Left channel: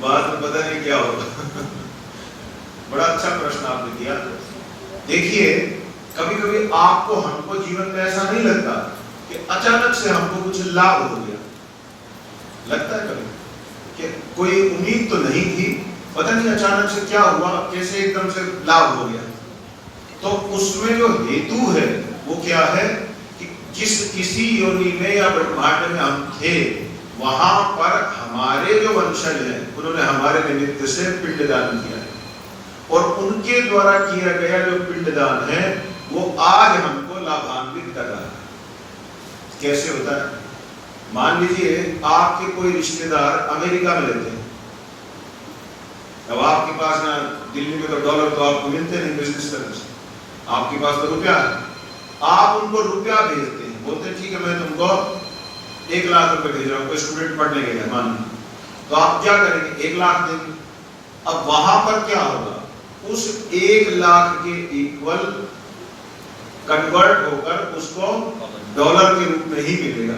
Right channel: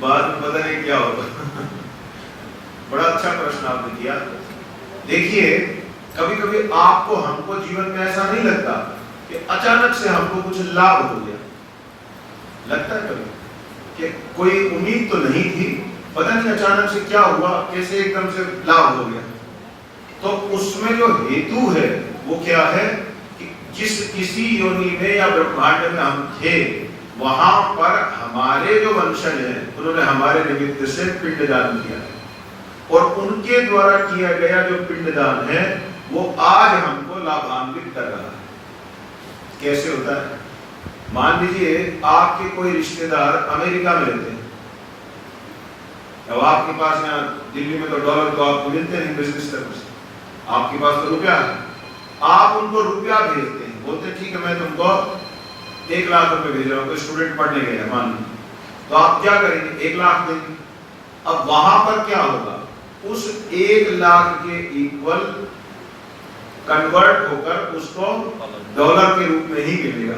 बाद में पता नहीं क्या होगा। बड़ा अच्छा प्रश्न आपने किया। देखिए, कभी कभी आपको हमको जीवन में ऐसा नहीं लगता कि अचानक से हमको कुछ लाभ हो गया? लगता है कभी कि कोई उम्मीद तो नहीं थी, पता नहीं अचानक से क्या हुआ, कैसे एकदम से लाभ हो गया। तो उसमें जो हेतु है वो क्या है कि जिस किसी योनि में या ब्रह्मांड में हम थे, वहां पर हमारे जो वंशज हैं उन्होंने हमारे निमित्त से पिंडदान किया है, और उनके द्वारा किया गया जो पिंडदान है वो आज हमको लाभान्वित कर रहा है। कैसे होता है? मान लीजिए आपके कोई रिश्तेदार अमेरिका में रहते हैं, अब आपके पास ना दिल्ली में तो डॉलर तो आपको मिलते नहीं बिजनेस करने से, आपके पास तो रुपया है, आप उनको रुपया भेजते हैं, बोलते हैं ठीक है मैं तुमको 1 लाख रुपए भेज रहा हूँ, कोई स्टूडेंट पढ़ने गया है मान लीजिए, तो आप क्या करेंगे? 1 लाख देंगे। अब वहां पर क्या होगा? उस 1 लाख के इक्वल कन्वर्ट होकर उसको डॉलर के रूप में ही मिलेगा।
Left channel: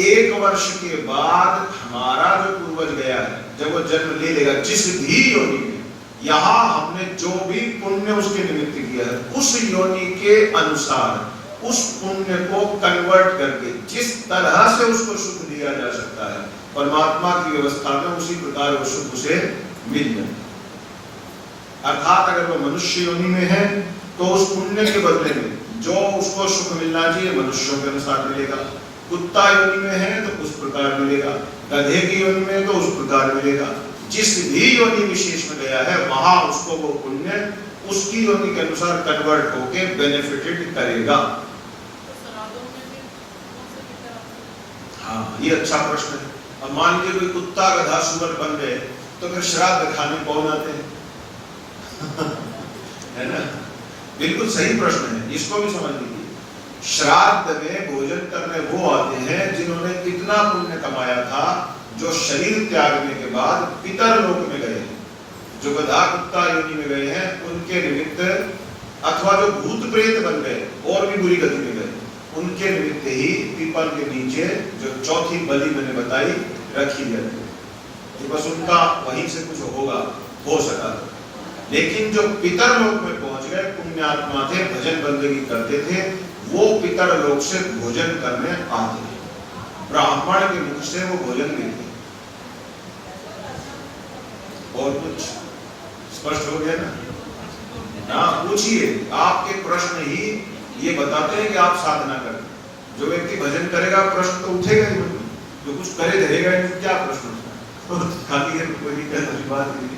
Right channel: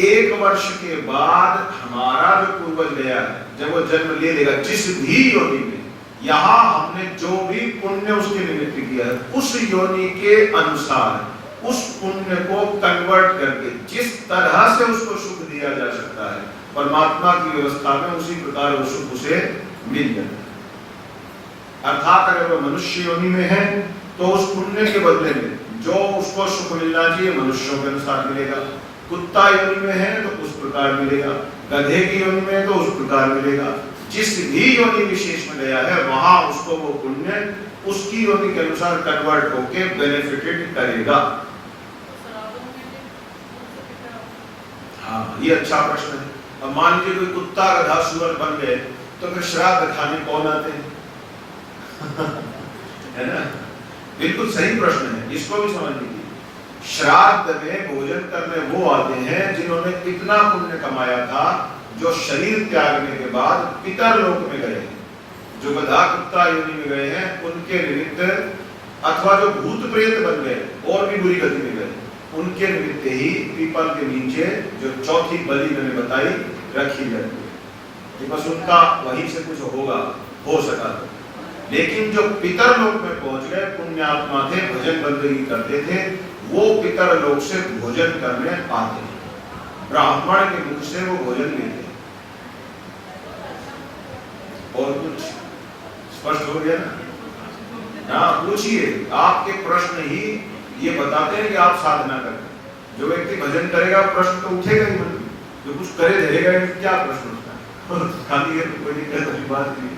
1 वर्ष के बाद हमारा जो पूर्वज गया है, जब वो जन्म ले लेगा जिस भी योनि में, यहाँ हमने जो भी पुण्य उसके निमित्त किया है, उस योनि के अनुसार उस पुण्य को कन्वर्ट करके जिस तरह से उसको सुख दिया जा सकता है परमात्मा की व्यवस्था में, उसी प्रकार वो सुख उसे मिल जाए। अर्थात अगर वो मनुष्य योनि में है तो उस पुण्य के बदले में जो उसको सुख मिलना चाहिए मनुष्यों के अनुसार मिलेगा, कुत्ता योनि में है तो उस प्रकार मिलेगा, गधे की योनि में तो उस प्रकार मिलेगा। जिस भी योनि विशेष में गया है वहां उसको वो पुण्य उसकी योनि के अनुसार कन्वर्ट होके बेनिफिटेड करेगा। हाँ, ये अच्छा प्रश्न है। अब मान लीजिए कोई कुत्ता गधा सुअर बन गए तो फिर श्राद्ध खाने कौन आते हैं? है ना? बिल्कुल सही प्रश्न है, इसको भी समझ लीजिए। श्राद्ध में भोजन करने वो आते हैं जिन्होंने इतना पुण्य कमाया था, जो शरीर त्यागने के बाद पितर लोक में गए हैं, जो गधा कुत्ता योनि में गए हैं उनके निमित्त, अथवा जो भूत प्रेत बन गए और भी बुरी गति में गए, उनके निमित्त ही पीपल के नीचे जो चौथी बलि मैंने बताई रखी जाती है। बस उनका वहीं से कुछ होगा, हो सका तो। लेकिन जो पितर लोक में पहुंच गए, पुण्यात्मा थे, भजन बंदगी करते थे, वो पितर लोक से भोजन करने आते हैं, ब्राह्मण के मुख से वो भोजन लेते हैं। और कुछ स्पष्ट हो गया ना? हाँ, पूछिए, आपके प्रश्न ही ये बताते हैं कि आप साधना करें। जो व्यक्ति भजन करेगा प्रश्न तो उठेगा ही नहीं, जो कुछ करे रहेगा नहीं, क्या प्रश्न उठता है? खाली है तो कोई नहीं, बात नहीं।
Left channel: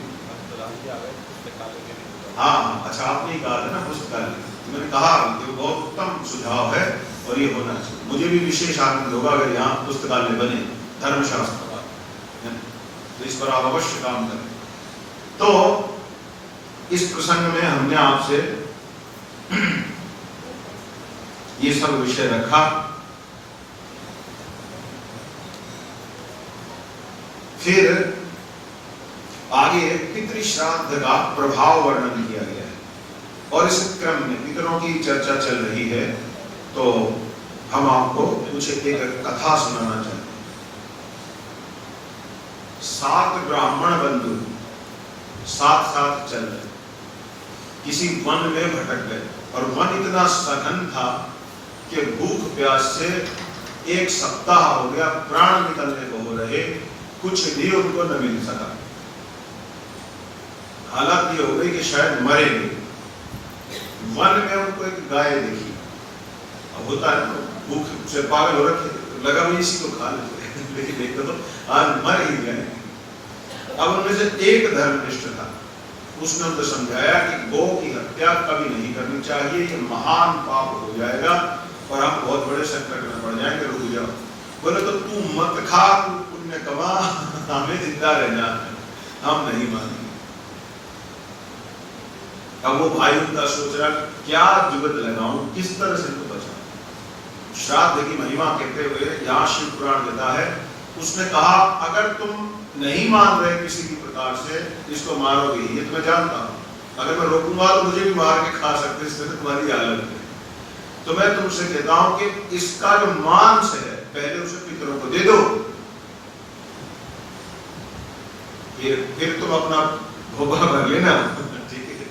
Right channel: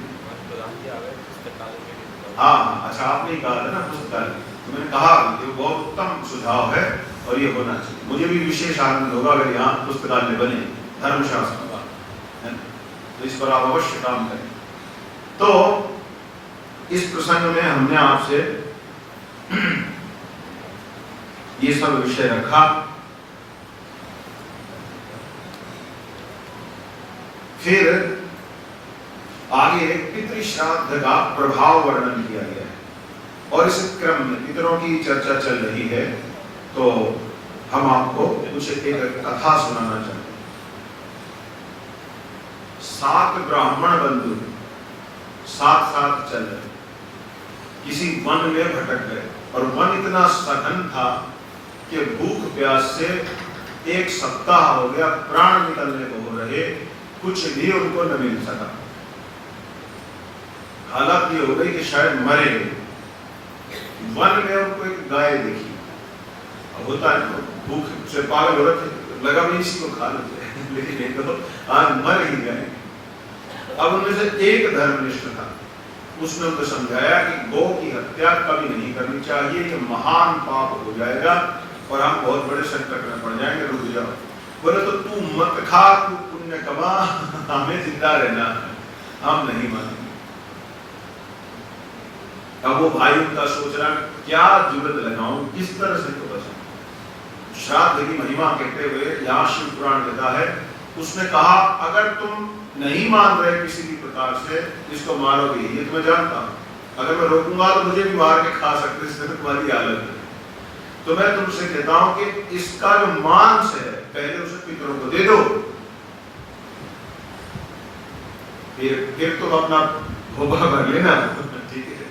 हाँ, अच्छा आपने ही कहा था ना पुस्तकालय, तो मैंने कहा ये बहुत उत्तम सुझाव है और ये होना चाहिए। मुझे भी विशेष आनंद होगा अगर यहाँ पुस्तकालय बने धर्मशास्त्र का, है तो इस पर आप अवश्य काम करें। तो इस प्रसंग में हमने आपसे ये सब विषय रखा। फिर आगे पितृ श्राद्ध का प्रभाव वर्णन किया गया है, और इस क्रम में पितरों की चर्चा चल रही है, तो हम आपको कुछ एक कथा सुनाना चाहते हैं। 7 ब्राह्मण बंधु साथ साथ चल रहे, किसी वन में भटक गए, और वन इतना सघन था कि भूख प्यास से 1 सप्ताह हो गया, प्राण निकलने को हो रहे, कुछ भी उनको न मिल सका। हालत ये हो गई कि शायद मरेंगे। वन में उनको एक गाय देखी, होता है तो भूख से पागल हो रखे, लगा भी इसी को खा लेते, लेकिन ये तो आज मर ही गए। अब उनमें से एक धर्मनिष्ठ था, उसने उनको समझाया कि गौ की हत्या कभी नहीं करनी चाहिए, ये महान पाप हो जाएगा और हम बहुत बड़े संकट में पड़ जाएंगे, रुक जाओ। बोले तो तू मत खा, तू पुण्य कमा, हमें जिंदा रहना, हम नहीं मानेंगे। अब वो भाई उनका सोच रहा क्या जुगत लगाऊं, किस तरह से तो बचाऊं। श्राद्ध की महिमा कहते हुए यहाँ शिव पुराण कहता है, उसने कहा अगर तुम नहीं मान रहे किसी भी प्रकार से, इसको मारोगे, ये तो मैं जानता हूँ, अगर मैं रोकूंगा तो मुझे भी मार के खा सकते, इससे तुम्हारी हालत है। तो मैं तुमसे कहता हूँ कि इसका जो मांस है पहले उसे पितरों को दे दो, फिर तुम अपना भोगा भर लेना, ठीक है।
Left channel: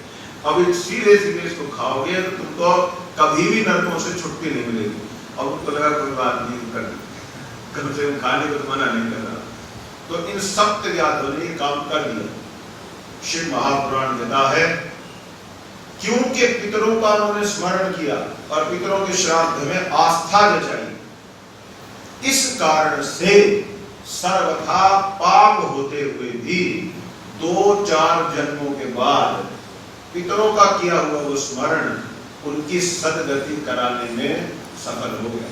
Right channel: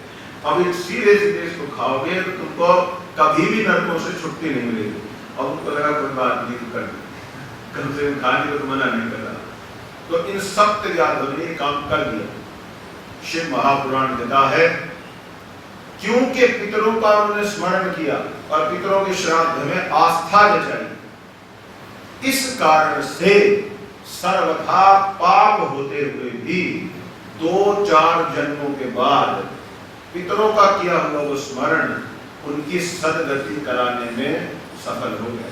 अब एक सीधे सीधे इसको खाओगे तो तुमको कभी भी नरकों से छुट्टी नहीं मिलेगी। अब उनको लगा कोई बात नहीं कर, कम से कम खाने को मना नहीं कर रहा। तो इन सब त्यागों ने काम कर दिया। शिव महापुराण कहता है क्योंकि पितरों का उन्होंने स्मरण किया और पितरों के श्राद्ध में आस्था जताई, इस कारण से सर्वथा पाप होते हुए भी 2-4 जन्मों के बाद पितरों का किया हुआ वो स्मरण उनकी सदगति कराने में सफल हो गया।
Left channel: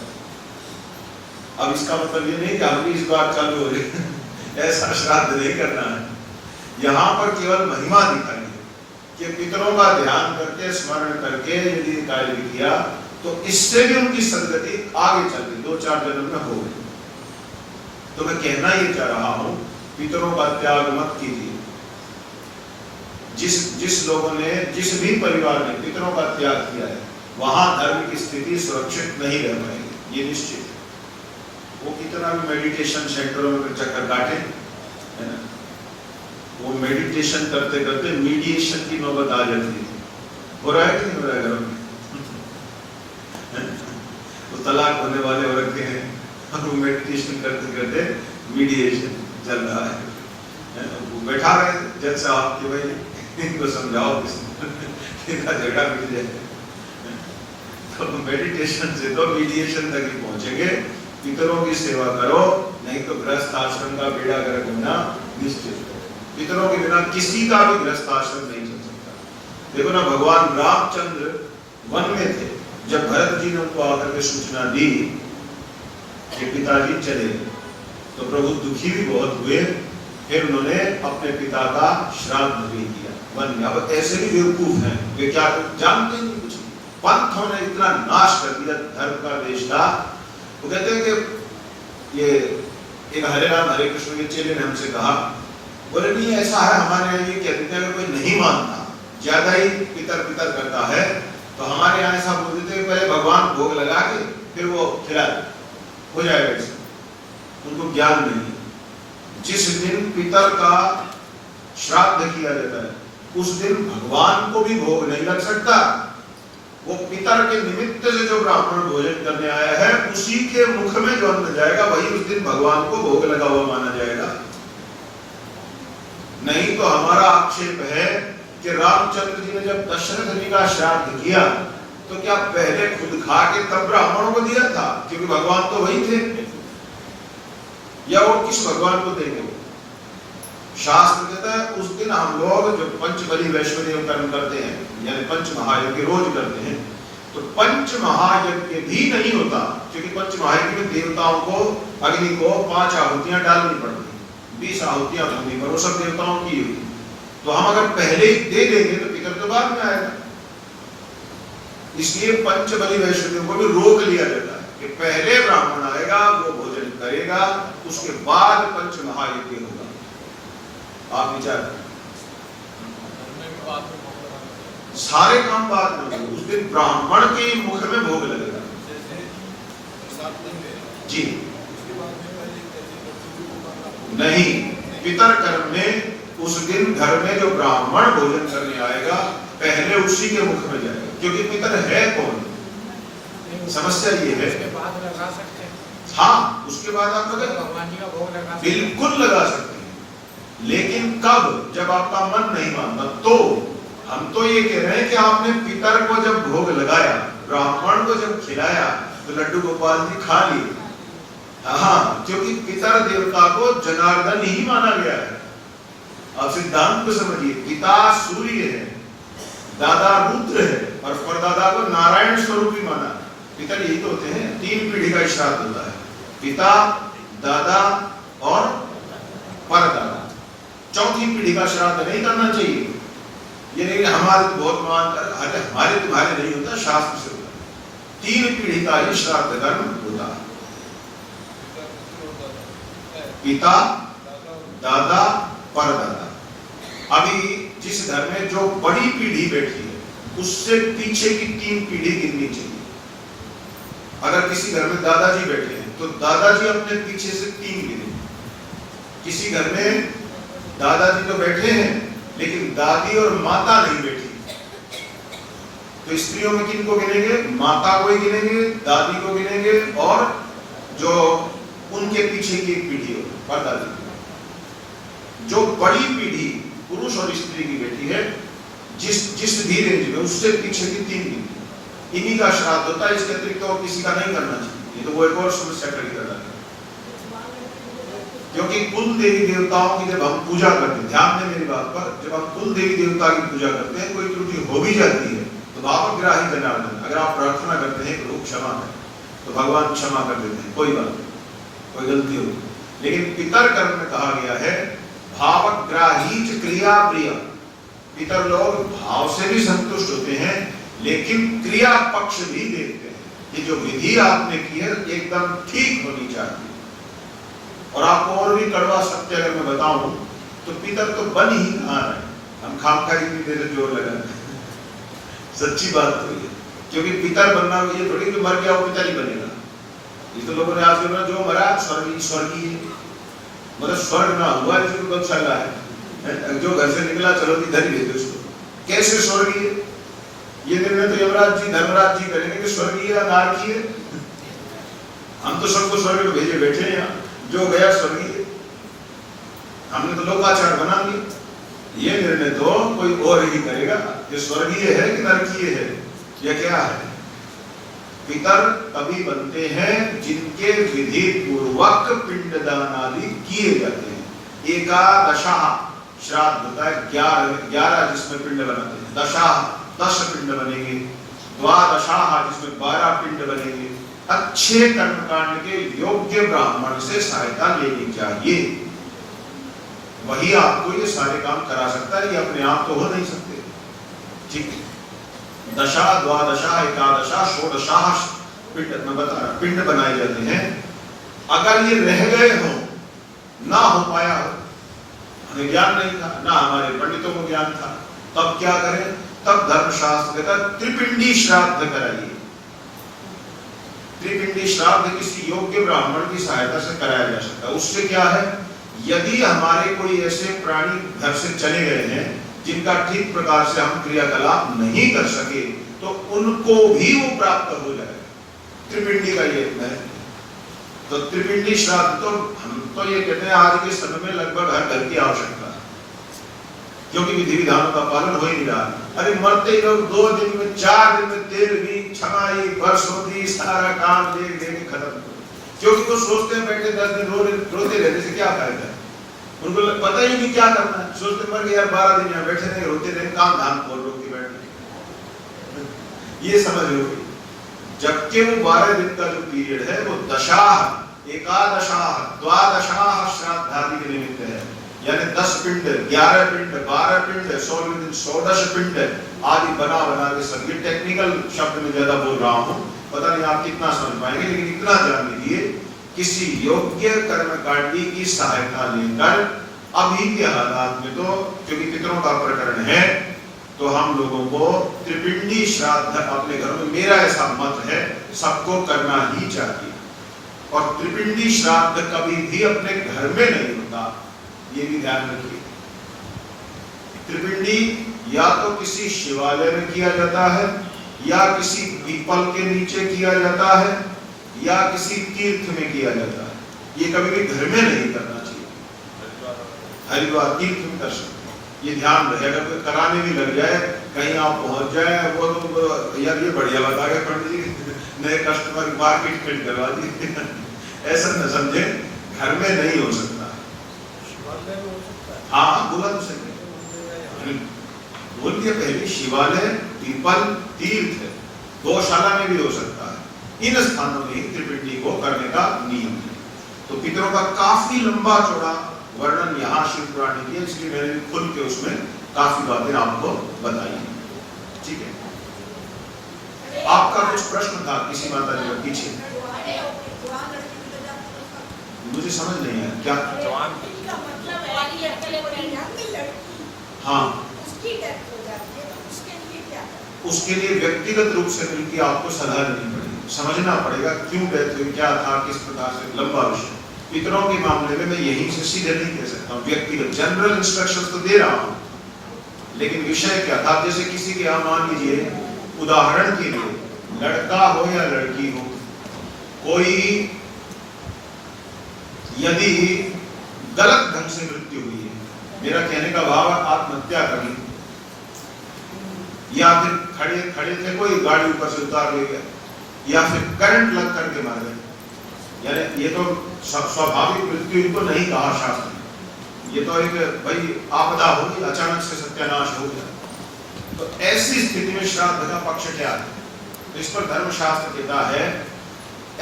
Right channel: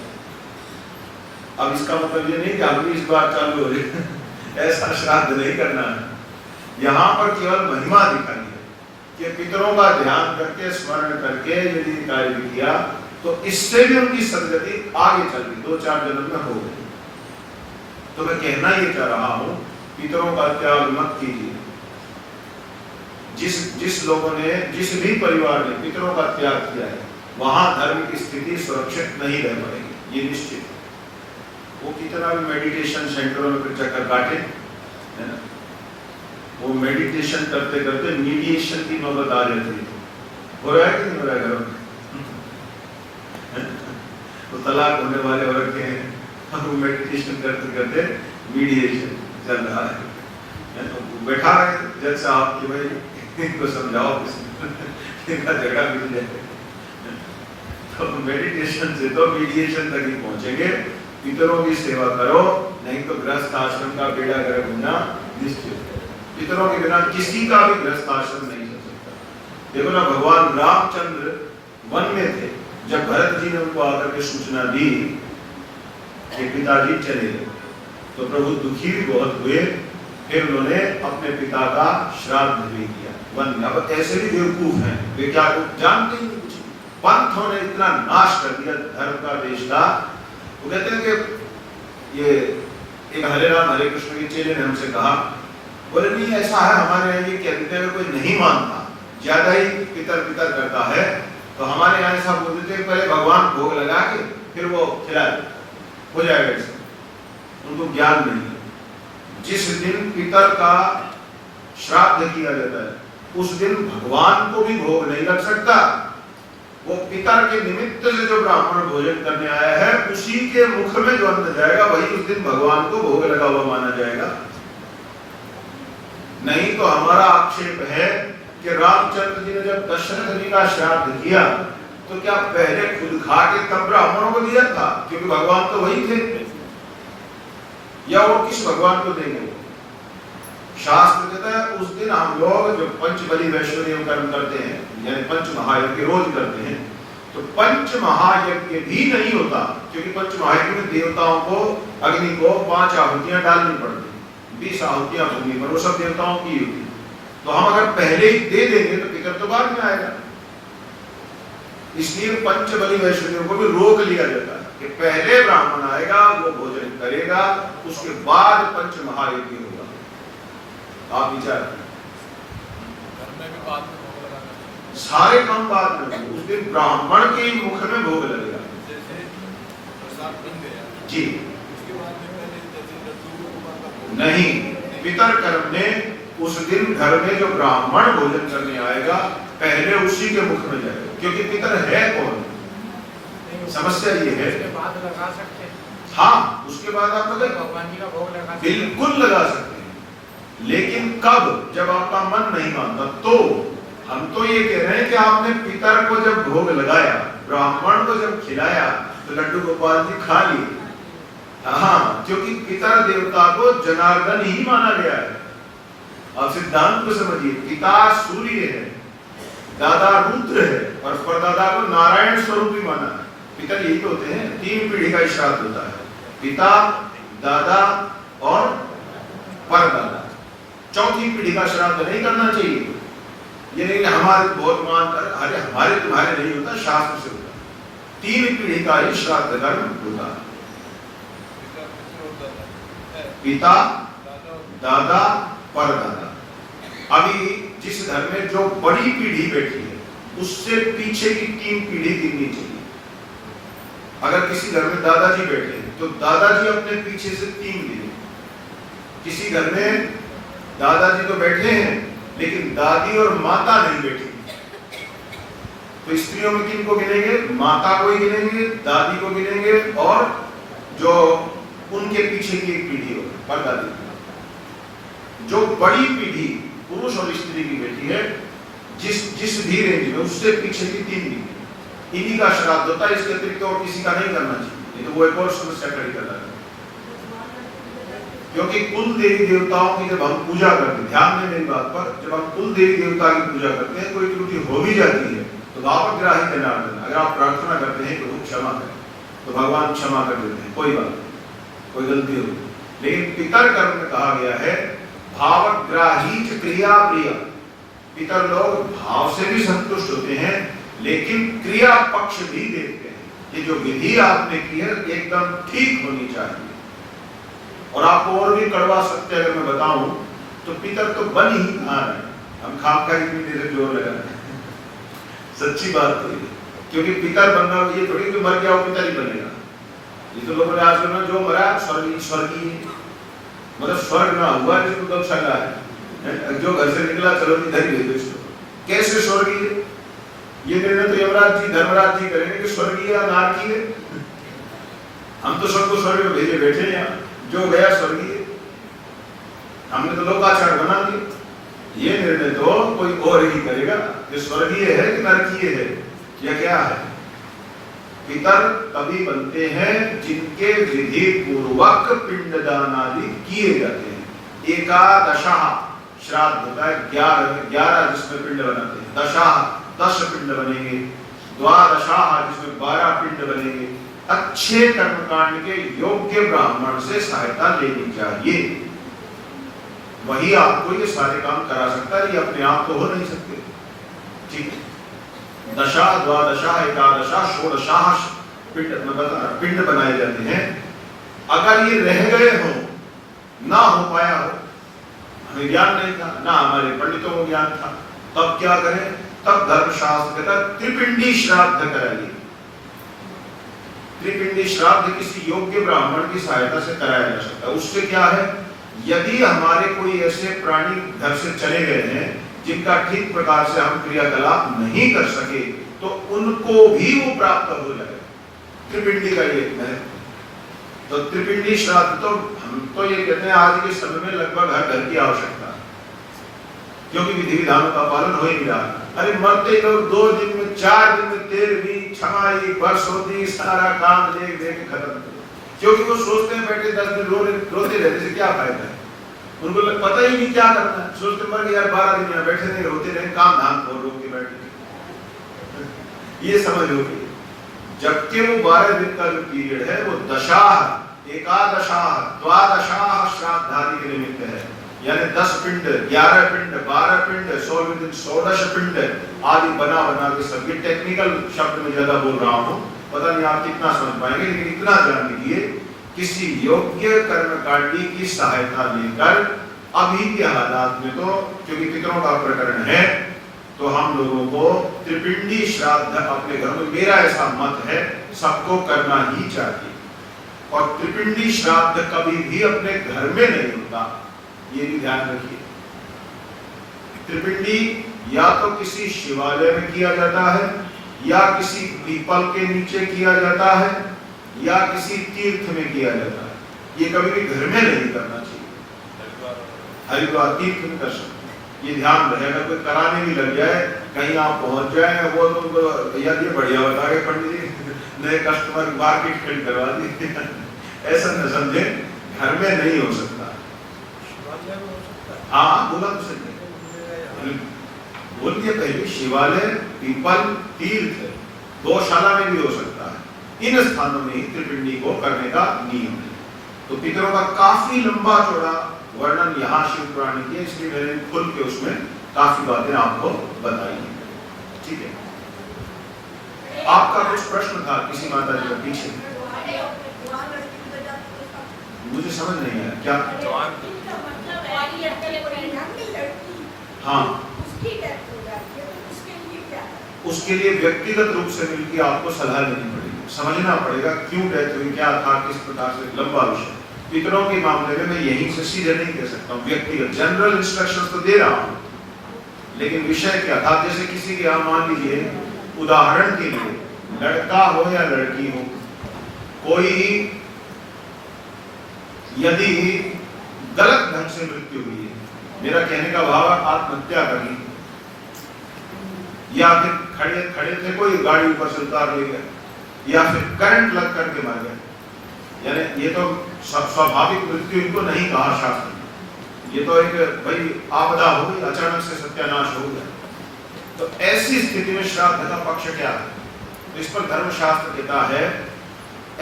अब इसका मतलब ये नहीं कि हम भी इस बात चालू हो रही ऐसा श्राद्ध नहीं करना है। यहाँ पर केवल महिमा दिखाई है कि पितरों का ध्यान करके स्मरण करके यदि कार्य किया तो इससे भी उनकी सदगति आगे चल गई, 2-4 जन्म में हो गई। तो मैं कहना ये चाह रहा हूं पितरों का त्याग मत कीजिए। जिस लोगों ने, जिस भी परिवार ने पितरों का त्याग किया है वहां धर्म की स्थिति सुरक्षित नहीं रह पाएगी, ये निश्चित। वो कितना भी मेडिटेशन सेंटरों में चक्कर काटे है ना, वो मेडिटेशन करते करते मीडिएशन की नौबत आ जाती है। हो रहा है कि नहीं हो रहा है घरों में? वो तलाक होने वाले औरत के हैं, वो मेडिटेशन करते करते मीडिएशन चल रहा है। बैठा है जज साहब कि भाई इनको समझाओ, इनका झगड़ा मिल जाए। तो मेडिटेशन से तो मीडिएशन तक ही पहुंचेंगे। पितरों की सेवा करो, नहीं तो गृहस्थ आश्रम का बेड़ा गर्क होना निश्चित है। पितरों के बिना किसी का भी गृहस्थ आश्रम नहीं चल सकता। देखो ना, भगवान रामचंद्र वन में थे, जब भरत जी ने उनको आकर के सूचना दी कि पिताजी चले, तो प्रभु दुखी भी बहुत हुए। फिर उन्होंने अपने पिता का श्राद्ध भी किया वन में। अब ऐसे भी बेवकूफ हैं, वे क्या जानते नहीं कुछ। पंथों ने इतना नाश कर दिया धर्म का, देश का। वो कहते हैं कि ये एक हरे राम हरे कृष्ण के चेले ने हमसे कहा, बोले नहीं ऐसा है हमारे यहाँ ये कहते हैं कोई नहीं मानता, ज्यादा ही पितर पितर करता है, तो हमारे यहाँ ऐसा बोलते थे पहले भगवान भोग लगा के फिर वो खिला हो जाएगा। इससे उनको ज्ञान नहीं है। जिस दिन पितर का श्राद्ध किया जाता है उस दिन भगवान को भी भोग नहीं लग सकता। वो पितर के निमित्त से जो ब्राह्मण भोजन करने आया है उसी के मुख में जो अन्न जाएगा वही उस दिन भगवान को भोग लगा हुआ माना जाएगा। नहीं तो हमारा आक्षेप है कि रामचंद्र जी ने जब दशरथ जी का श्राद्ध किया तो क्या पहले खुद खा के तब ब्राह्मणों को दिया था? क्योंकि भगवान तो वही थे, या वो किस भगवान को देंगे? शास्त्र कहता है उस दिन हम लोग जो पंचबली वैष्णव कर्म करते हैं, यानी पंच महायज्ञ रोज करते हैं, तो पंच महायज्ञ भी नहीं होता, क्योंकि पंच महायज्ञ में देवताओं को अग्नि को 5 आहुतियां डालनी पड़ती, 20 आहुतियां होंगी, पर वो सब देवताओं की होती। तो हम अगर पहले ही दे देंगे तो पितर तो बाद में आएगा। इसलिए पंचबली वैष्णव को भी रोक लिया जाता है कि पहले ब्राह्मण आएगा, वो भोजन करेगा, उसके बाद पंच महायज्ञ होगा। आप विचार, सारे काम बाद में, उस दिन ब्राह्मण के ही मुख में भोग लगेगा। जी नहीं, पितर कर्म में उस दिन घर में जो ब्राह्मण भोजन करने आएगा पहले उसी के मुख में जाएगा, क्योंकि पितर है कौन? समस्या ये है। उसके बाद लगा सकते हैं। हाँ, उसके बाद आप भगवान जी का भोग लगा सकते हैं, बिल्कुल लगा सकते हैं। लेकिन कब? जब आपका मन नहीं मानता। तो हम तो ये कह रहे हैं कि आपने पितर को जब भोग लगाया, ब्राह्मण को जब खिलाया, तो लड्डू गोपाल जी खा लिए। हाँ, क्योंकि पितर देवता को जनार्दन ही माना गया है। अब सिद्धांत को समझिए, पिता सूर्य है, दादा रुद्र है, और परदादा को नारायण स्वरूप ही माना है। पितर यही तो होते हैं, 3 पीढ़ी का श्राद्ध होता है, पिता, दादा और परदादा। 4थी पीढ़ी का श्राद्ध नहीं करना चाहिए। ये नहीं कि हमारे बहुत मानकर, अरे हमारे तुम्हारे नहीं होता, शास्त्र से होता। 3 पीढ़ी का ही श्राद्ध कर्म होता है, पिता, दादा, परदादा। अभी जिस घर में जो बड़ी पीढ़ी बैठी है उससे पीछे की 3 पीढ़ी गिननी चाहिए। अगर किसी घर में दादाजी बैठे हैं तो दादाजी अपने पीछे से 3 गिने। किसी घर में दादाजी तो बैठे हैं लेकिन दादी और माता नहीं बैठी। तो स्त्रियों में किन को गिनेंगे? माता को ही गिनेंगे, दादी को गिनेंगे, और जो उनके पीछे की एक पीढ़ी है परदादी की। जो बड़ी पीढ़ी पुरुष और स्त्री की बैठी है, जिस भी रेंज में, उससे पीछे की 3 पीढ़ी, इन्हीं का श्राद्ध होता है। इसके अतिरिक्त और किसी का नहीं करना चाहिए। ये तो वो एक और समस्या खड़ी कर रहा है, क्योंकि कुल देवी देवताओं की जब हम पूजा करते हैं, ध्यान दें मेरी बात पर, जब हम कुल देवी देवता की पूजा करते हैं, कोई त्रुटि हो भी जाती है तो भावग्राही जनार्दन, अगर आप प्रार्थना करते हैं प्रभु क्षमा करें, तो भगवान क्षमा कर देते हैं, कोई बात, कोई गलती हो। लेकिन पितर कर्म में कहा गया है भावग्राही क्रिया प्रिय। पितर लोग भाव से भी संतुष्ट होते हैं लेकिन क्रिया पक्ष भी देखते हैं। ये जो विधि आपने की है एकदम ठीक होनी चाहिए। और आपको और भी कड़वा सत्य अगर मैं बताऊं तो पितर तो बन ही कहाँ है, हम खामखा इतनी देर जोर लगाते हैं। सच्ची बात तो ये, क्योंकि पितर बनना ये थोड़ी कि मर गया वो पितर ही बनेगा। ये तो लोगों ने आज करना जो मरा स्वर्गीय, मतलब स्वर्ग ना हुआ जिसको कब चल रहा है, जो घर से निकला चलो इधर ही भेजो इसको। कैसे स्वर्गीय? ये निर्णय तो यमराज जी धर्मराज जी करेंगे कि स्वर्गीय या नारकीय। हम तो सबको स्वर्ग में भेजे बैठे हैं, यहाँ जो गया स्वर्गीय, हमने तो लोकाचार बना दिया। ये निर्णय तो कोई और ही करेगा कि स्वर्गीय है कि नरकीय है या क्या है। पितर तभी बनते हैं जिनके विधि पूर्वक पिंडदान आदि किए जाते हैं। एकादशा श्राद्ध होता है 11 जिसमें पिंड बनाते हैं, दशा 10 पिंड बनेंगे, द्वादशा जिसमें 12 पिंड बनेंगे। अच्छे कर्मकांड के योग्य ब्राह्मण से सहायता लेनी चाहिए, वही आपको ये सारे काम करा सकता है। ये अपने आप तो हो नहीं सकते, ठीक है। दशा, द्वादशा, एकादशा, षोडशा पिंड पिंड बनाए जाते हैं। अगर ये रह गए हो, ना हो पाया हो, हमें ज्ञान नहीं था, ना हमारे पंडितों को ज्ञान था, तब क्या करें? तब धर्मशास्त्र कहता है त्रिपिंडी श्राद्ध कराइए। त्रिपिंडी श्राद्ध किसी योग्य ब्राह्मण की सहायता से कराया जा सकता है। उससे क्या है, यदि हमारे कोई ऐसे प्राणी घर से चले गए हैं जिनका ठीक प्रकार से हम क्रियाकलाप नहीं कर सके, तो उनको भी वो प्राप्त हो जाएगा। त्रिपिंडी का ये महत्व। तो त्रिपिंडी श्राद्ध तो हम तो ये कहते हैं आज के समय में लगभग हर घर की आवश्यकता है, क्योंकि विधि विधानों का पालन हो ही नहीं रहा। अरे मरते लोग 2 दिन में, 4 दिन में, 13वीं, छमाही, बरसोती सारा काम देख देख खत्म, क्योंकि वो सोचते हैं बैठे 10 दिन रोते रहने से क्या फायदा है। उनको पता ही नहीं क्या करना है, सोचते मर गए यार 12 दिन यहाँ बैठे रहे, रोते रहे, काम धाम और रोक के बैठे। ये समझ लो, जबकि वो 12 दिन का जो पीरियड है वो दशा, एकादशा, द्वादशा श्राद्ध आदि के निमित्त है। यानी 10 पिंड, 11 पिंड, 12 पिंड, 16 दिन 16 पिंड आदि बना के सब। ये टेक्निकल शब्द में ज्यादा बोल रहा हूँ, पता नहीं आप कितना समझ पाएंगे, लेकिन इतना जान लीजिए किसी योग्य कर्मकांडी की सहायता लेकर अभी के हालात में तो, क्योंकि पितरों का प्रकरण है, तो हम लोगों को त्रिपिंडी श्राद्ध अपने घर में, मेरा ऐसा मत है, सबको करना ही चाहिए। और त्रिपिंडी श्राद्ध कभी भी अपने घर में नहीं होता, ये भी ध्यान रखिए। त्रिपिंडी या तो किसी शिवालय में किया जाता है, या किसी पीपल के नीचे किया जाता है, या किसी तीर्थ में किया जाता है। ये कभी भी घर में नहीं करना चाहिए। हरिद्वार तीर्थ में कर सकते हैं, ये ध्यान रहे। अगर कोई कराने भी लग जाए, कहीं आप पहुंच जाए, वो तो यार ये बढ़िया बता गए पंडित जी, नए कस्टमर मार्केट खरीद करवा दी, ऐसा न समझे, घर में नहीं हो सकता। हाँ बुलंद से बोल दिया पहले, शिवालय, पीपल, तीर्थ, गौशाला में भी हो सकता है। इन स्थानों में त्रिपिंडी को करने का नियम है। तो पितरों का काफी लंबा चौड़ा वर्णन यहाँ शिव पुराण में किया, इसलिए मैंने खुल के उसमें काफी बातें आपको बताई। ठीक है, आपका कुछ प्रश्न था किसी माता जी के पीछे? मुझे समझ नहीं आया क्या। हाँ, उसके लिए व्यक्तिगत रूप से मिलकर आपको सलाह लेनी पड़ेगी, समझना पड़ेगा क्यों डेथ हुई, क्या था, किस प्रकार से, लंबा विषय। पितरों के मामले में मैं यहीं से सीधे नहीं कह सकता हूँ, व्यक्तिगत जनरल इंस्ट्रक्शंस तो दे रहा हूँ, लेकिन विषय क्या था, जैसे किसी की आप मान लीजिए उदाहरण के लिए लड़का हो या लड़की हो, कोई यदि गलत ढंग से मृत्यु हुई है, मेरा कहने का भाव आत्महत्या करी, या फिर खड़े खड़े थे कोई गाड़ी ऊपर से उतार ले गया, या फिर करंट लग करके मर गए, यानी ये तो स्वाभाविक मृत्यु इनको नहीं कहा शास्त्र ने, ये तो एक भाई आपदा हो गई, अचानक से सत्यानाश हो गया। तो ऐसी स्थिति में श्राद्ध का पक्ष क्या है? तो इस पर धर्मशास्त्र कहता है,